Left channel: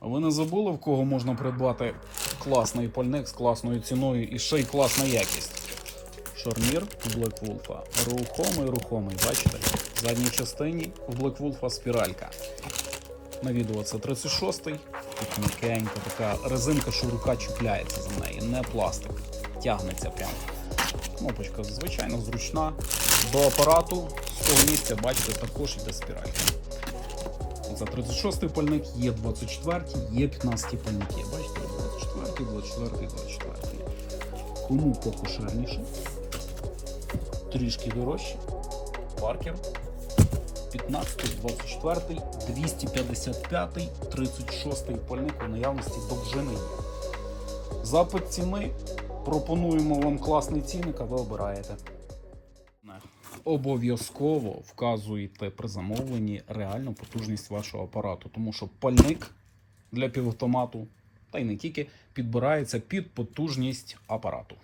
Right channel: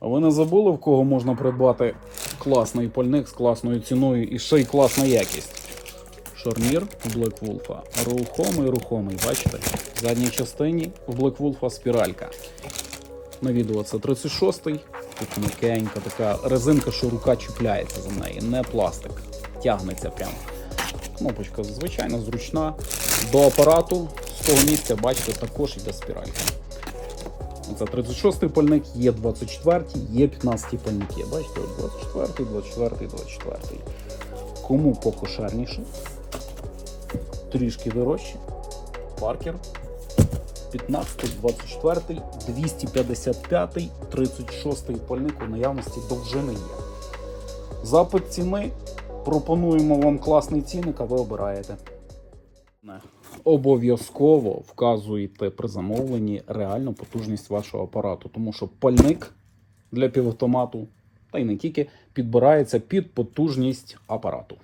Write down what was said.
А ви не забули, в кого можна придбати класний пальник з класною ціною і ще й класна якість? Шарнір Блеквулфа. Рухомий, рухомий, бачите? В задній частині у Блеквулфа спіралька. На відео це 36-й. Тут м'якенька така резинка, що рука чіпляється за неї, не пластик. Тягнеться прямо. Кнопочка звичайно зручна. До апарату з того місця, бачите, також іде спіралька. Це 36-й пальник, є 24-й, є 15-й пальники. Бачите, 24-й, 24-й, 24-й. Кому покошерніше, трішки дорожче. Паркер. 15, 24, 255, 36 пальник у наявності довжини. Запит ціни. Пропонуємо вам класний цінник, а ви обираєте. Обов'язково вказуєте при замовленні реальну потужність вашого апарату, тому що пальник для півавтомату, та й не тільки, підбирається під потужність апарату.